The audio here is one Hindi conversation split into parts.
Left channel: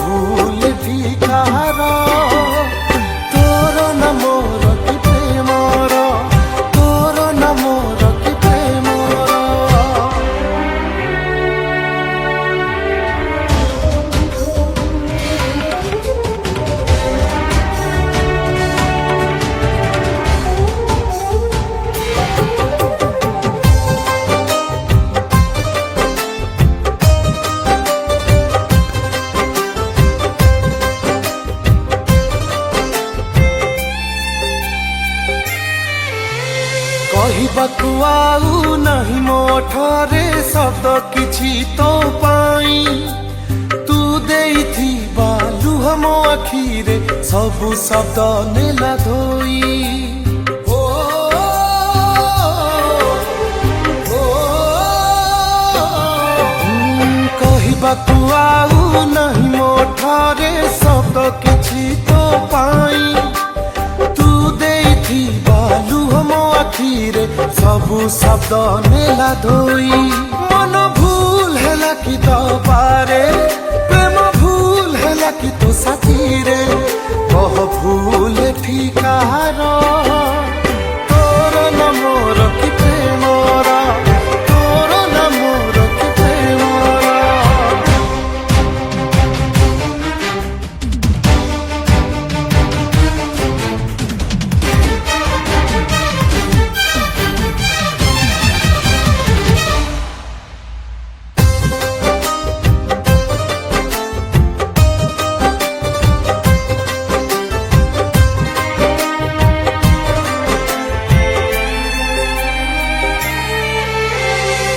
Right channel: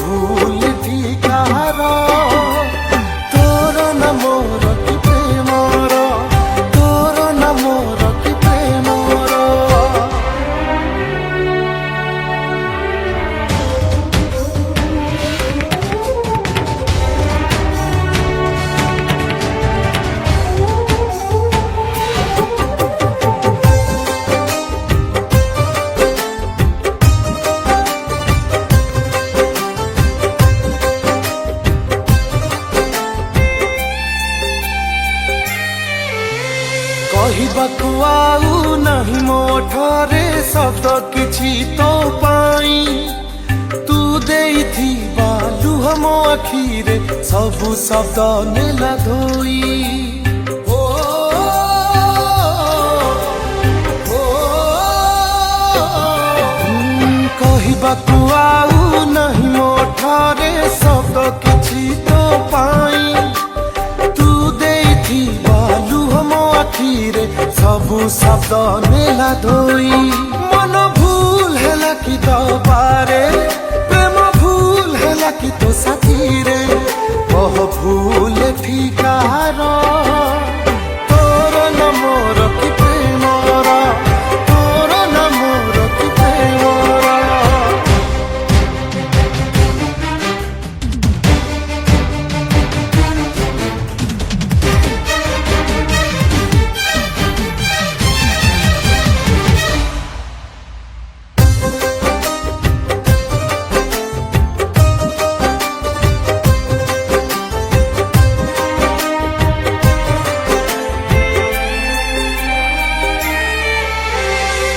भूल ठिकार तोर न मोर कि प्रेमर तोर न मोर कि प्रेमर कहबाकू आउ नहीं मोठरे शब्द किछि तो पाई तू देइथिबा लुह मो आखिरे सबु शब्द नेला धोई ओ कहबाकू आउ नहीं मोठरे शब्द किछि तो पाई लुह मो आखिरे सबु शब्द नेला धोई मन भूल हैला कि दबारे प्रेम भूल हैला कि तो साथीरे कह भूल ठिकार तोर न मोर कि प्रेमर तोर न मोर कि प्रेमर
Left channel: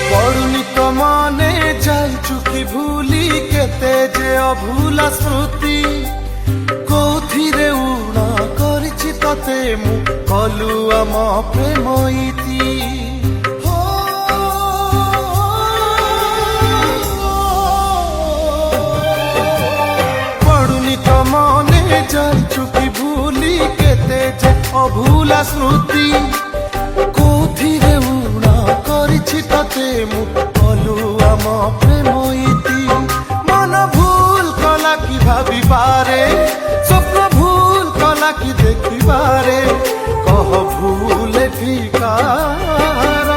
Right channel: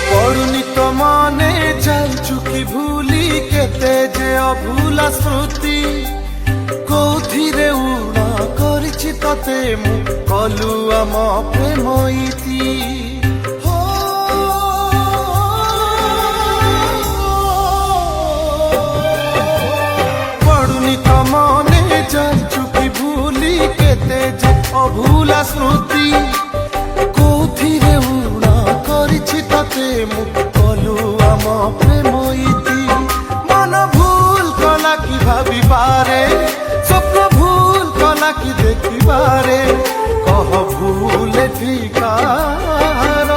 पड़ुनी तो मने जाइछु कि भूली केते जे अभूला स्मृति कोथिरे उड़ा करिछि तते मु कलु आम प्रेम इति हो पड़ुनी तो मने जाइछु कि भूली केते जे अभूला स्मृति कोथिरे उड़ा करिछि तते मु कलु आम प्रेम इति मन भूल कला कि भाबी पारे स्वप्न भूल कला कि देखी बारे कह भूल ठिकार